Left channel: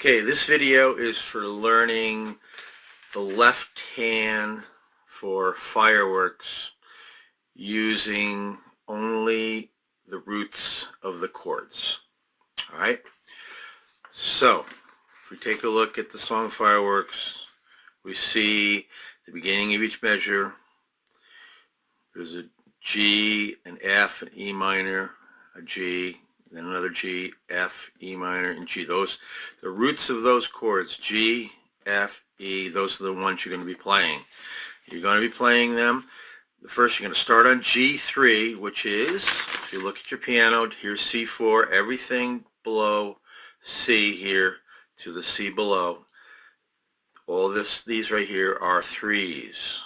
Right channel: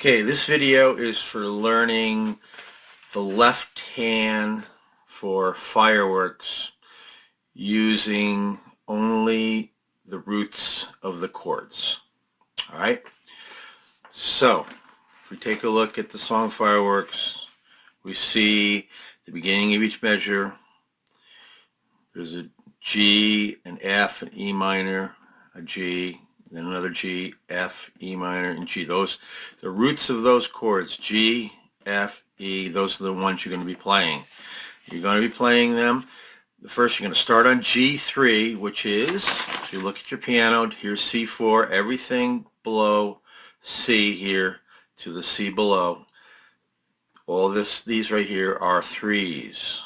Okay, this video is for learning the left hand for fireworks using only the roots of the chords. All right, so if we take a look at the song Fireworks, we see the beginning of each measure. There's a G, an F, an E minor, a G, then another G, F, E minor, and G. The roots of those chords, G, F, E, those are the ones you're going to be playing. You're going to be playing them. First, you're going to start on G3, which is, if you look at your piano, here's C4, everything below C here to the C below. All these right here are threes.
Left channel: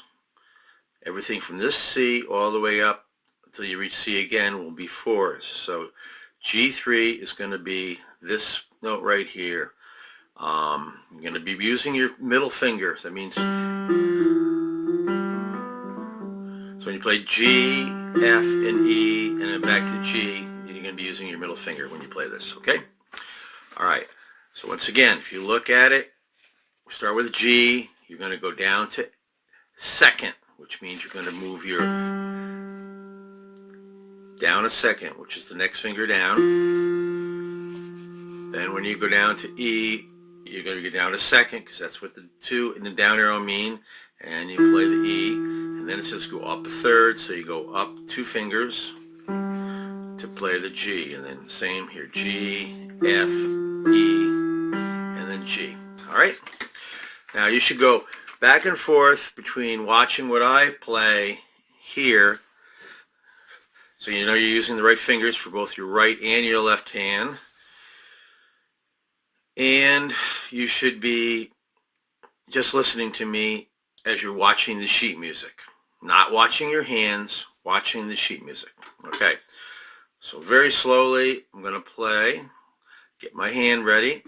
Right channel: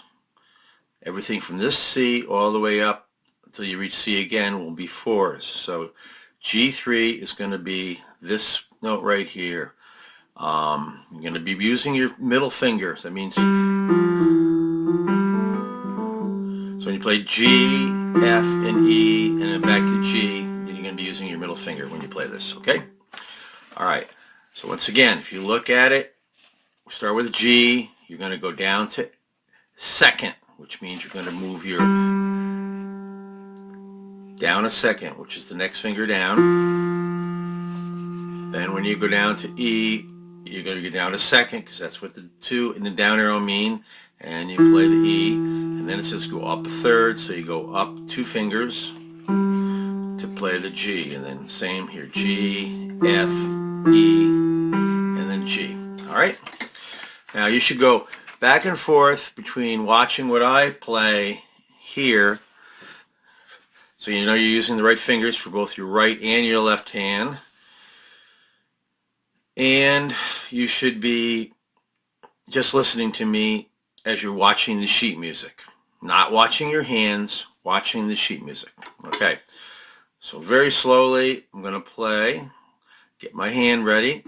Everything from this C all the way up until you reach C again will be fours. So G3 is going to be this note right here. You're going to be using your middle finger. That means, so when you play G, F, and E, and then back to G, you're going to be using your middle finger when you play this, okay? All right, so once again, if you look at it, we start with G, you're going to go down to second, which means you're going to move your down a second, which is the next finger down. Then when you go down to E, you're going to go down a second because that's what the 2 and the down arrow mean, and you play the E, and then it says go up a third, so you go up 2 fingers to play the G, and then same here, G, F, E, and then G. All right? Now you should go back and forth between watching what I play here, so you know you're using the right fingers for both your right and your left hand. And you should be just listening to me as you're watching the sheet music. Not watching your hands, watching the sheet music. Okay, so very slowly I'm going to play. Get my hand ready.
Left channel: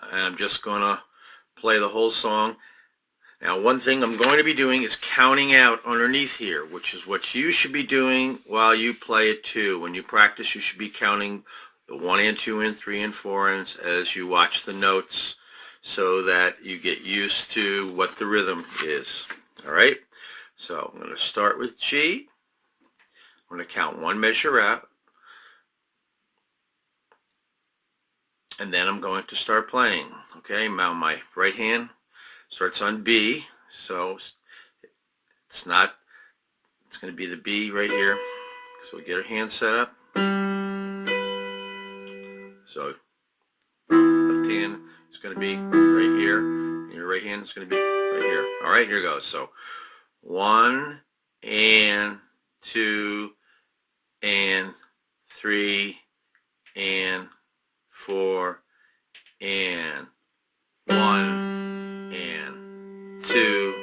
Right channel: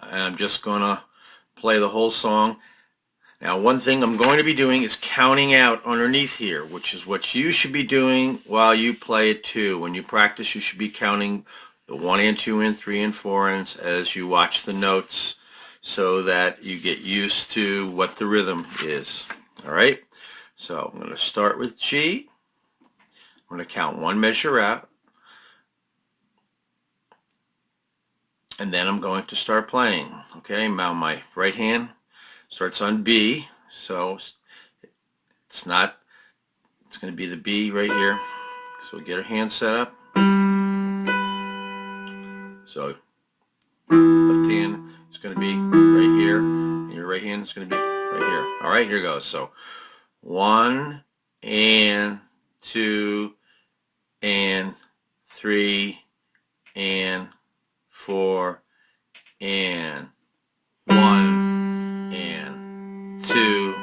And I'm just going to play the whole song. Now, one thing I'm going to be doing is counting out underneath here, which is what you should be doing while you play it too. When you practice, you should be counting the 1 and 2 and 3 and 4 ands as you watch the notes so that you get used to what the rhythm is. All right? So I'm going to start with G. I'm going to count 1 measure out. And then I'm going to start playing. Okay, now my right hand starts on B, so it's going to be the B right here. So we get our hand set up. So left hand is going to be right here, and your right hand is going to be right here. All right, here goes. So 1 and 2 and 3 and 4 and 1 and 2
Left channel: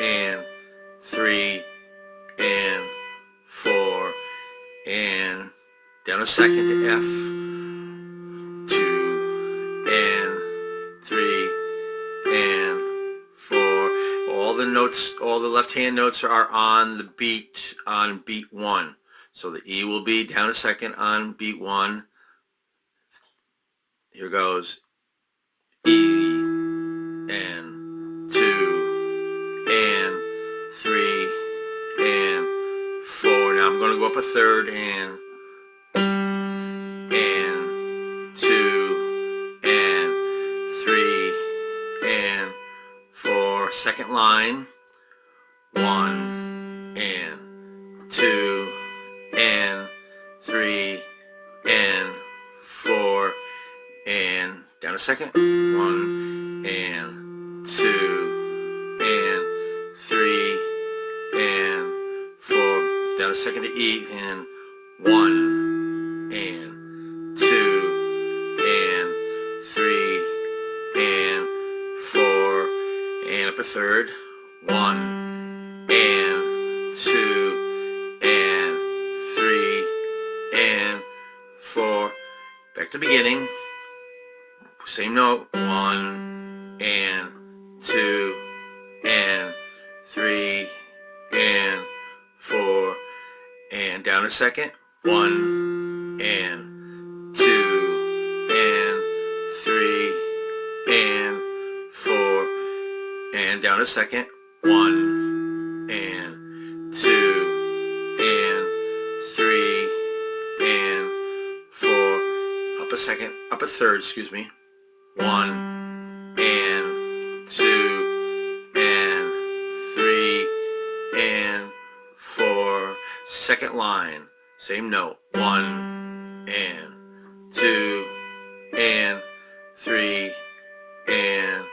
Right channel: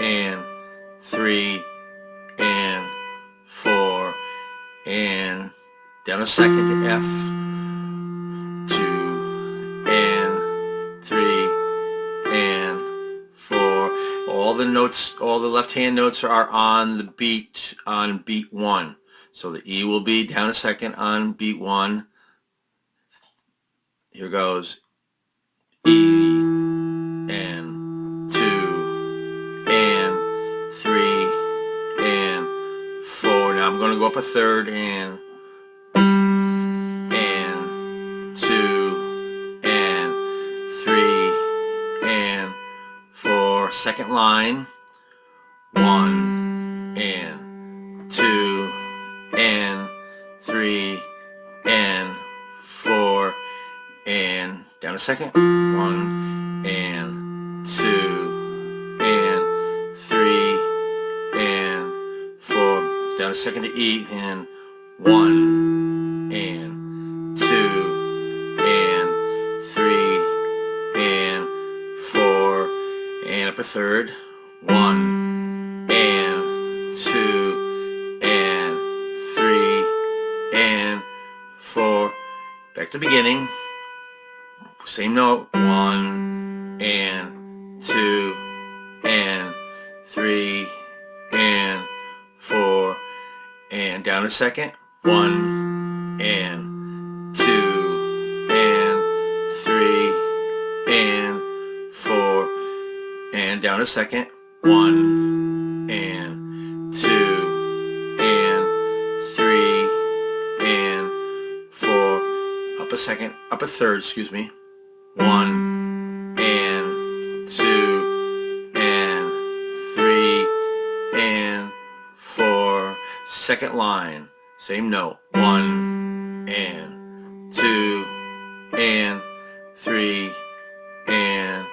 and 3 and 4 and down a second to F, 2 and 3 and 4. All the notes, all the left hand notes are on the beat, on beat 1. So the E will be down a second on beat 1. Here goes E and 2 and 3 and 4. Now I'm going to go up a third and 2 and 3 and 4. Second line, 1 and 2 and 3 and 4 and down a second, 1 and 2 and 3 and 4, down a second to E, and 1 and 2 and 3 and 4 and up a third, 1 and 2 and 3 and 4, back to the beginning. Same note, 1 and 2 and 3 and 4 and down a second, 1 and 2 and down a second. 1 and 2 and 3 and 4. Up a second, up a third, excuse me. 1 and 2 and 3 and 4. Second line, same note. 1 and 2 and 3 and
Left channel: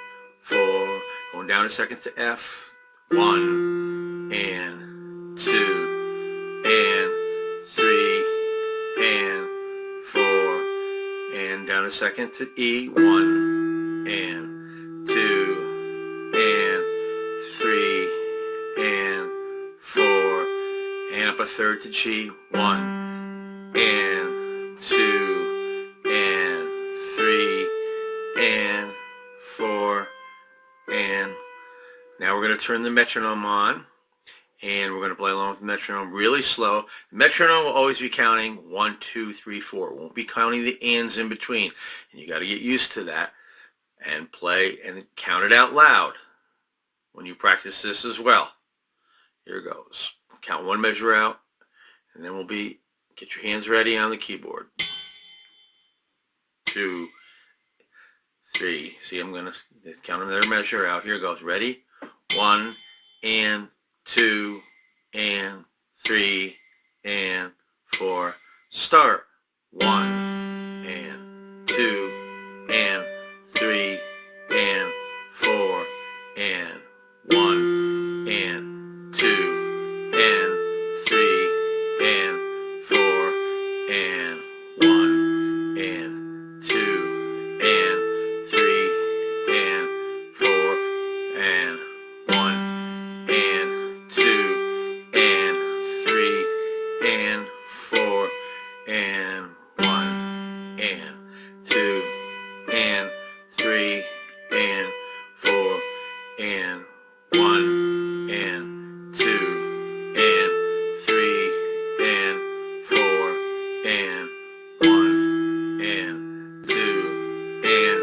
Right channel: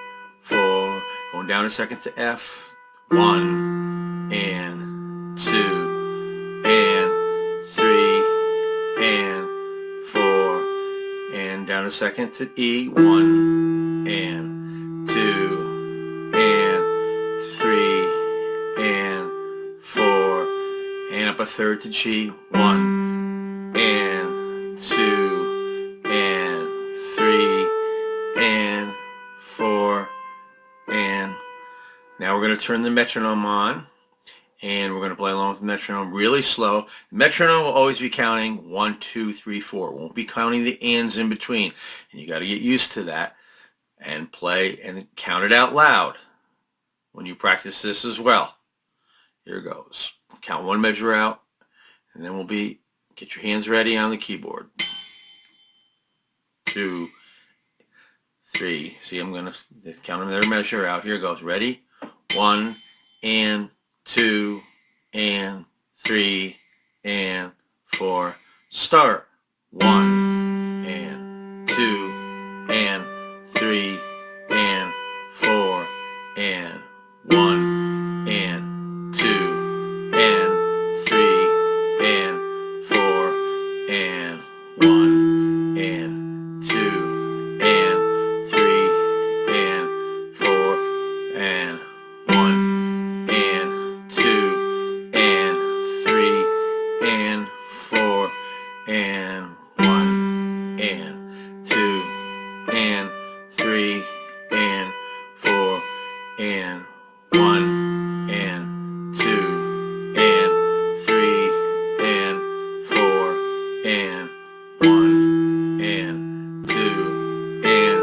4. Going down a second to F. 1 and 2 and 3 and 4. And down a second to E. 1 and 2 and 3 and 4. And up a third to G. 1 and 2 and 3 and 4. And now we're going to turn the metronome on, and we're going to play along with the metronome really slow. The metronome will always be counting 1, 2, 3, 4. It won't be counting the ands in between. And you got to get used to that and play and count it out loud when you practice this as well. Here it goes. Count one measure out, and then get your hands ready on the keyboard. 2, 3. See, I'm going to count another measure out. Here it goes. Ready? 1 and 2 and 3 and 4. Start. 1 and 2 and 3 and 4 and 1 and 2 and 3 and 4 and 1 and 2 and 3 and 4 and 1 and 2 and 3 and 4 and 1 and 2 and 3 and 4 and 1 and 2 and 3 and 4 and 1 and 2 and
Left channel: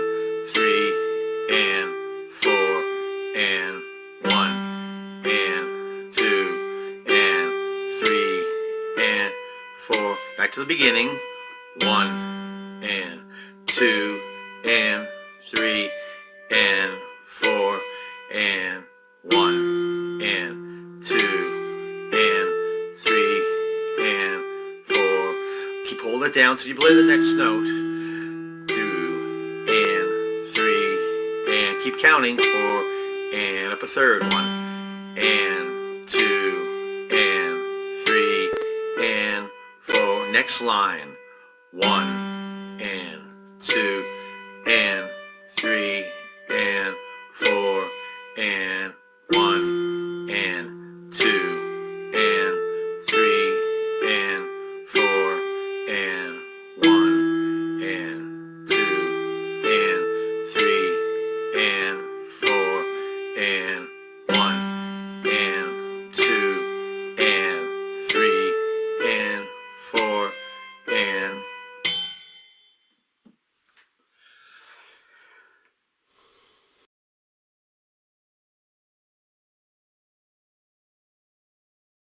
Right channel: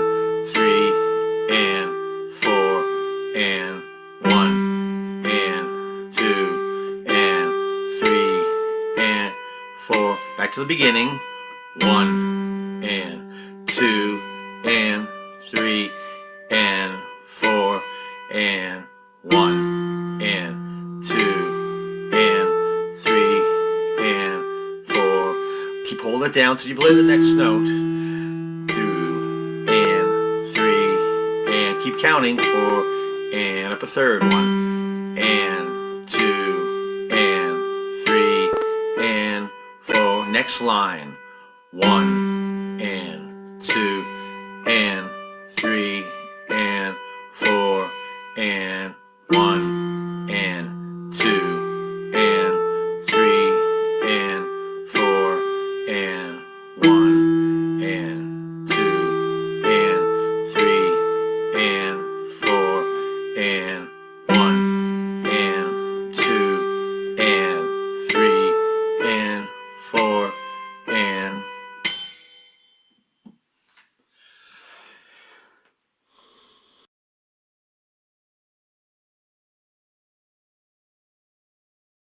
3 and 4 and 1 and 2 and 3 and 4. Back to the beginning. 1 and 2 and 3 and 4 and 1 and 2 and 3 and 4. Keep holding it down till you play the next note. 2 and 3 and keep counting. 4 and up a third. 1 and 2 and 3 and 4. Next line. 1 and 2 and 3 and 4 and 1 and 2 and 3 and 4 and 1 and 2 and 3 and 4 and 1 and 2 and